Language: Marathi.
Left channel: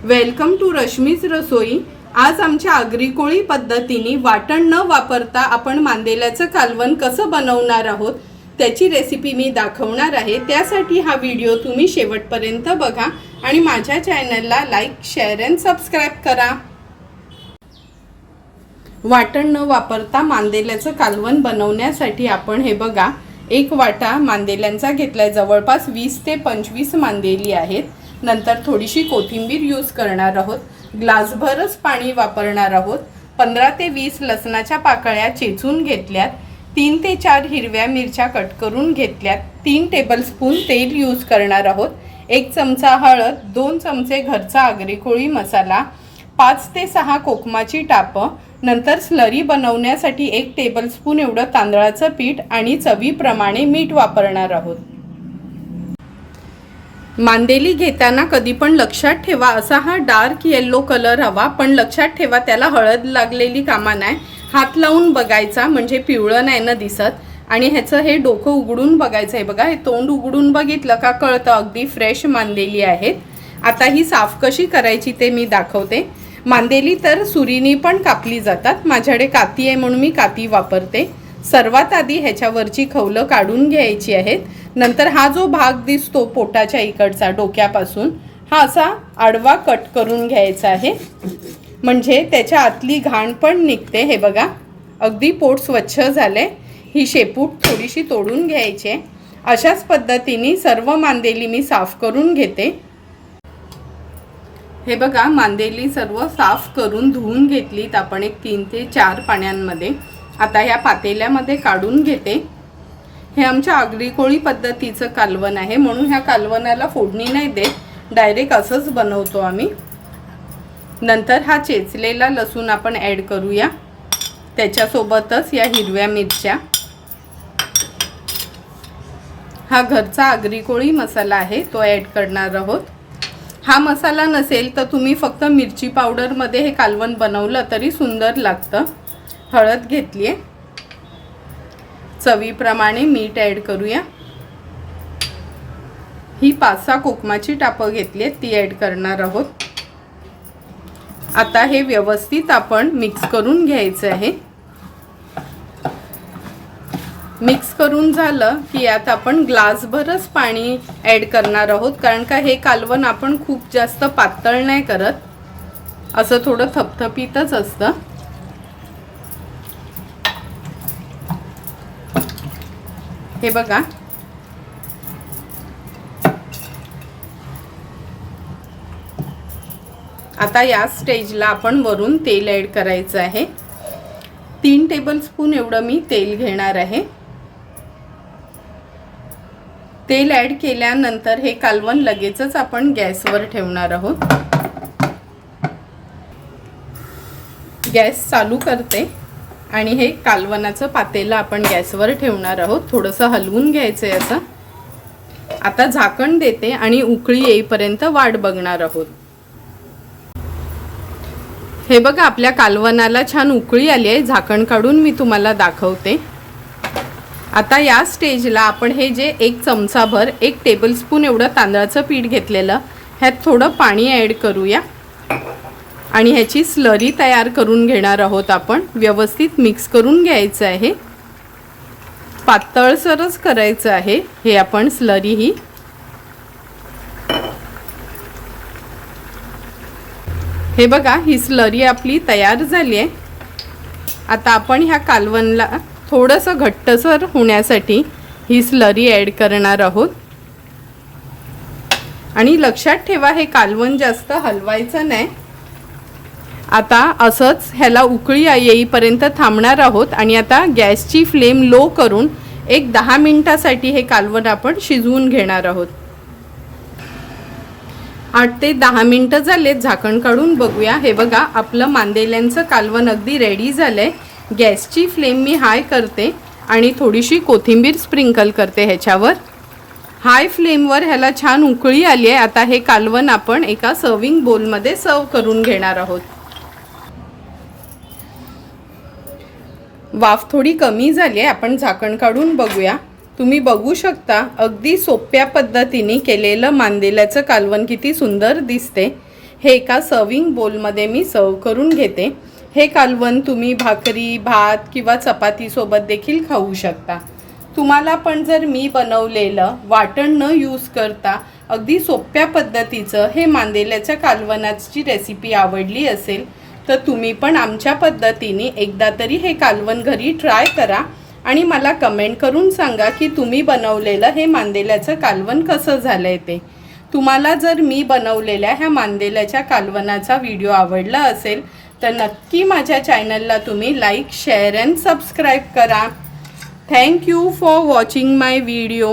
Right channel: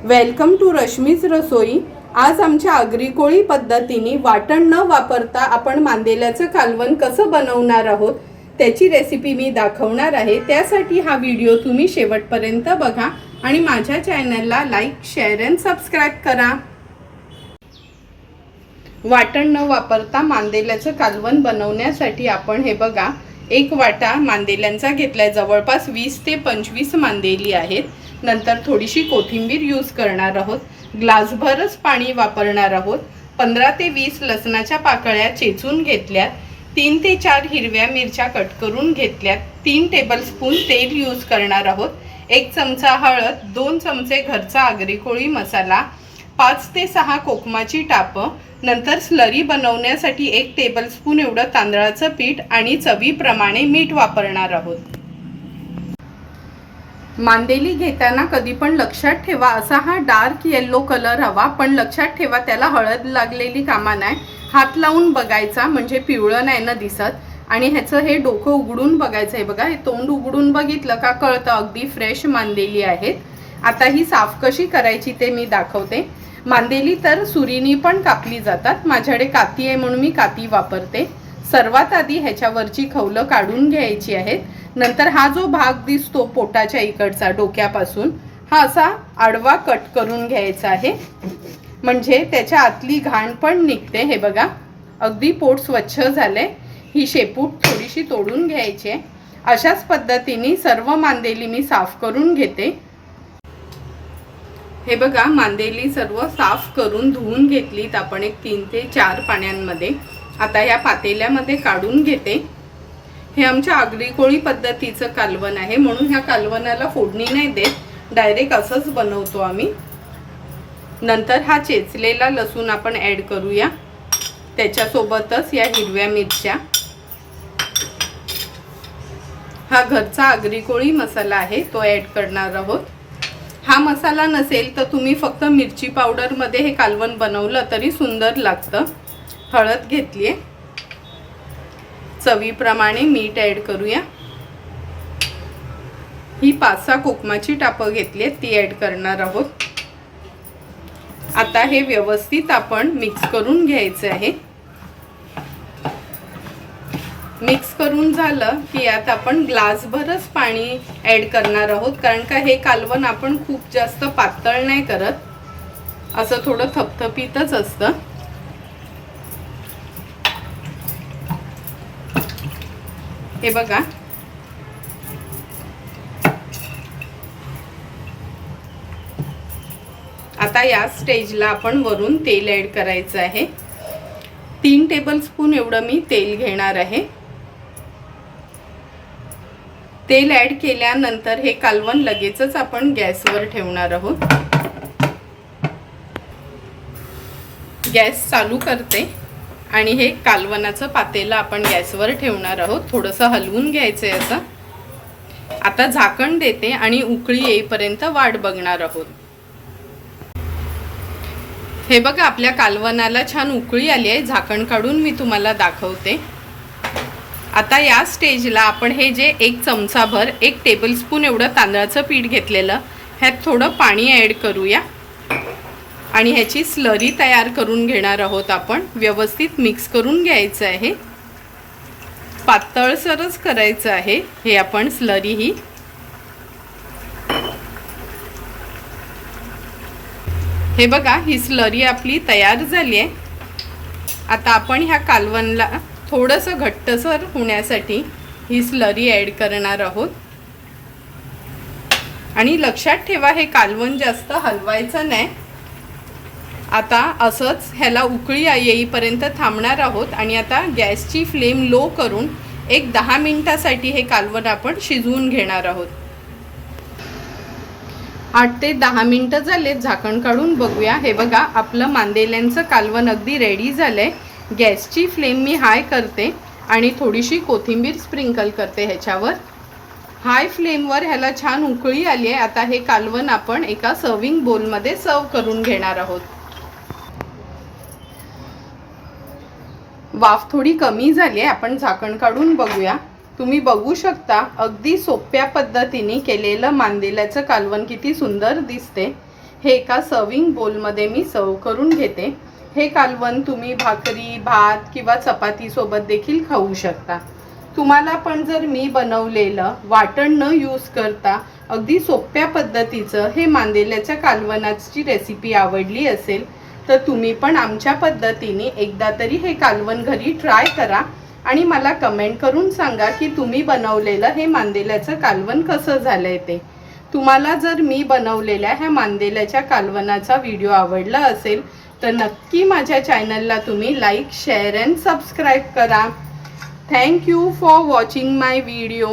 वेलकम टू रश्मीज रसोई। आज आमच्या आगरी कोळी पद्धतीने वाटण न वापरता आपण मांदेल्याचं कालवण कसं बनवणार आहोत त्याची रेसिपी मी दाखवणार आहे। त्यासाठी हा व्हिडिओ तुम्ही शेवटपर्यंत बघा आणि माझ्या चॅनलला लाईक, शेअर आणि सबस्क्राइब करा। वाटण न वापरता मांदेल्याचं कालवण बनवण्यासाठी आपण हे बघा, एक वाटा मांदेल्यांचा घेतलाय। जवळपास 20 ते 25 मांदेली आहेत। नंतर थोडीशी कोथिंबीर यूज करणार आहोत। ग्लासभरच पाणी वापरणार आहोत। 15 ते 20 लसणाच्या पाकळ्या चेचून घेतल्यात। 3 ते 4 हिरव्या मिरच्या कट करून घेतल्यात। 3 टेबलस्पून तेल यूज करणार आहोत। 1 चमचा हळद, 2 चमचे घरचा आगरी कोळी मसाला, 5 ते 6 कोकमाची टापं, नंतर स्लरी बनवण्यासाठी 1 टेबलस्पून एवढं तांदळाचं पीठ आणि चवीप्रमाणे मीठ वापरणार आहोत। मांदेली घेताना कधी पण लक्षात ठेवा, असा हा डार्क येलो कलर हवा, पण लक्षात ठेवा त्याला हळद लागलेली कामा नाही। हात लावून बघायचा, म्हणजे पिवळं नाही ना दिसत। आणि ह्याचं हे डोकं उघडून बघायचं आहे बघा, हे तोंड उघडून बघितलं का कळतं अगदी फ्रेश मांदेली आहेत। आता ही साफ कशी करायची ते मी दाखवते। मांदेली तर सुरीनी पण कापली जातात, माझ्याकडे काती आहे म्हणून मी काती वापरते। सर्वात आधी ह्याच्यावरची खवलं काढून घ्यायची आहेत। नंतर हा जो भाग दिसतो पोटाच्या इकडचा डोक्यापासून, हा असा आडवा कट करून घ्यायचा आहे, म्हणजे त्याच्या आतली घाण पण निघते। हे बघा, अगदी पोट स्वच्छ झाले। ही शेपूट थोडीशी तोडून घ्यायची। अशाच पद्धतीने सर्व मांदेली मी साफ करून घेते। हे बघा, मांदेली सर्व साफ करून धुवून घेतलीत आपण 3 ते 4 पाण्यामध्ये। आता या पातेल्यामध्ये काढून घेते। हे आमच्या आगरी कोळी पद्धतीचं कालवण आहे, म्हणून ह्या कालवणाला फोडणी नाही देत, डायरेक्ट असंच बनवतो आम्ही। नंतर हा चेचलेला लसूण आपण ॲड करूया, त्याच्यासोबतच या हिरव्या मिरच्या। हा घरचा आगरी कोळी मसाला आहे, तो ॲड करणार आहोत। हा मसाला नसेल तर तुम्ही फक्त मिरची पावडरमध्ये हे कालवण बनवलं तरी सुंदर लागतं। हळद घेतली आहे, चवीप्रमाणे मीठ ॲड करूया। ही 5-6 कोकमाची टापं घेतली आहेत, ती ॲड करणार आहोत। आता हे व्यवस्थित आपण मिक्स करून घ्यायचं आहे। मिक्स करून झालं की यात आपण ग्लासभरच पाणी ॲड करणार आहोत, कारण का हे कालवण आपण खूप जास्त पातळ नाही करत, असं थोडं थपथपीतच असतं। हे बघा, आता या स्टेजला आपण वरून तेल ॲड करायचं आहे। 3 टेबलस्पून एवढं मी तेल घेणार आहे। तेल ॲड केल्यानंतर हे कालवण लगेचच आपण गॅसवर ठेवणार आहोत। गॅस चालू करते आणि हे कालवणाचं पातेलं आपण गॅसवर ठेवणार आहोत। थोडंसं हलवून घ्यायचंय असं। आता झाकण देते आणि उकळी येईपर्यंत वाट बघणार आहोत। हे बघा, आपल्या कालवणाला छान उकळी आली आहे। झाकण काढून मी तुम्हाला दाखवते। आता या स्टेजला आपण हे जे 1 चमचाभर 1 टेबलस्पून एवढं तांदळाचं पीठ घेतलेलं, ह्यात थोडं पाणी ॲड करूया आणि ह्याची स्लरी तयार करून घेणार आहोत आपण। व्यवस्थित मिक्स करून घ्यायचं आहे, पातळसरच करायचं आहे हे आपण स्लरी ही। हे बघा, ही स्लरी आपली तयार झाली आहे। आता आपण ह्या कालवणला थोडंसं घट्टसर होण्यासाठी ही स्लरी ॲड करणार आहोत। आणि लक्षात ठेवा, हे कालवण जास्त हलवायचं नाही। आता असंच ह्याला उकळी येईपर्यंत थांबणार आहोत आणि आता गॅसची फ्लेम लो करून 10 मिनिटासाठी हे कालवण आपण शिजवून घेणार आहोत। 8 ते 10 मिनिटं झालेत, झाकण काढून बघूया। हे बघा, आपलं मांदेल्यांचं कालवण अगदी रेडी झालंय। गॅसची फ्लेम मी हाय करते आणि थोडीशी कोथिंबीर स्प्रिंकल करते ह्याच्यावर। हाय फ्लेमवर ह्याला छान उकळी आली आहे। आता हे कालवण आपण एका सर्विंग बोलमध्ये सर्व करून घेणार आहोत। वाफ थोडी कमी झाली आहे, आपण झाकण काढून बघूया। तुम्ही बघू शकता, अगदी सोप्या पद्धतीने केलेलं मांदेल्याचं कालवण किती सुंदर दिसते। हे एका सर्विंग बोलमध्ये मी सर्व करून घेते। हे कालवण तुम्ही भाकरी, भात किंवा चपातीसोबत देखील खाऊ शकता। तुम्हाला पण जर मी बनवलेलं वाटण न यूज करता अगदी सोप्या पद्धतीचं हे मांदेल्याच्या कालवणाची रेसिपी आवडली असेल तर तुम्ही पण आमच्या पद्धतीने एकदा तरी हे कालवण घरी ट्राय करा आणि मला कमेंट करून सांगा की तुम्ही बनवलेलं हे मांदेल्याचं कालवण कसं झालंय ते। तुम्हाला जर मी बनवलेल्या ह्या मांदेल्याच्या कालवणाचा व्हिडिओ आवडला असेल तर नक्की माझ्या चॅनलला तुम्ही लाईक, शेअर अँड सबस्क्राईब करा। Thank you for watching my video.